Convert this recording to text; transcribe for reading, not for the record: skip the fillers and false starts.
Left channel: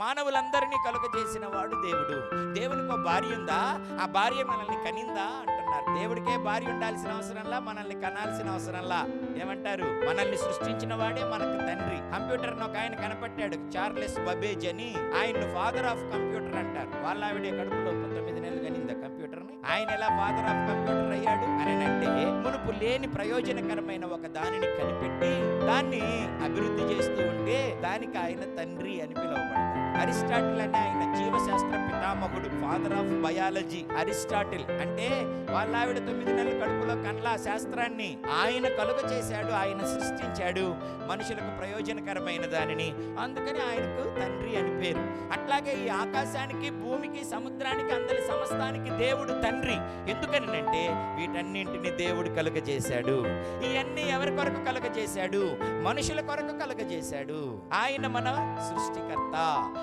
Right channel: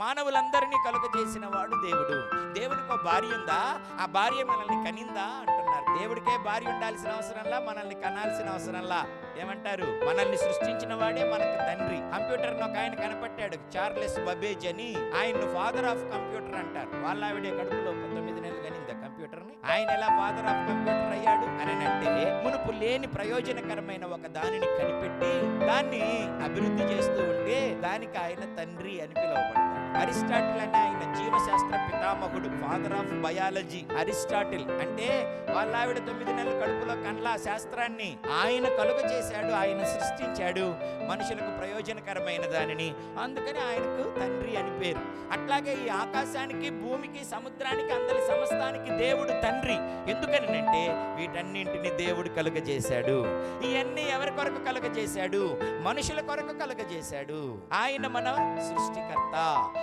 మానవులందరినీ కలుగజేసిన వాడు దేవుడు. దేవునికి ఒక భార్య ఉందా? ఆ భార్య మనల్ని కనిందా అంటున్నారు. దేవుడికే భార్య ఉండాల్సిన అవసరంలా, మనల్ని కనాల్సిన అవసరంలా. ఏమంటారు? మనల్ని సృష్టించిన వాడే మనకు తండ్రి. కంప్యూటర్ ఒక ఆయన కనపట్టాడు, చార్లెస్ బబేజ్ అని. ఆయన్ను ఫాదర్ ఆఫ్ కంప్యూటర్ అంటారు. వాళ్ళ ఆవిడే కడుపులో 9 నెలలు కనిందా కంప్యూటర్ ని. ఆయన ఎలా ఫాదర్ ఆఫ్ కంప్యూటర్ అయ్యాడు అని అంటే, మునుపు లేని ప్రయోజనకరమైన ఒక దానిని కనిపెట్టి దాన్ని అభివృద్ధి చేస్తూ ఉంటే దానికి ఆయన తండ్రి అని పిలువబడతాడు. అరిస్టాటిల్ అనే ఆయన జీవశాస్త్ర పితామహుడు, ఫాదర్ ఆఫ్ బయాలజీ. అరిస్టాటిల్ అంటే వాళ్ళ ఆవిడ 9 నెలల కడుపులో కన్లా శాస్త్రాన్ని ఆయన కలుగ చేశాడు, ఆయన సృష్టించాడు మనుషులకు ప్రయోజనకరమైన దానిని. అందుకని ఆయనకు తండ్రి అని పేరు. అట్లాగే ఈ ఆకాశానికి, భూమికి, సముద్రానికి, అందరి సమస్తానికి దేవుడు తండ్రి. ఎందుకని అంటే వీటన్నింటిని దేవుడు కలుగజేశాడు. ఇవన్నీ ఎవరి కొరకు కలుగజేశాడు? మనుషుల కొరకు కలుగజేశాడు. ఆయన మన సృష్టికర్త.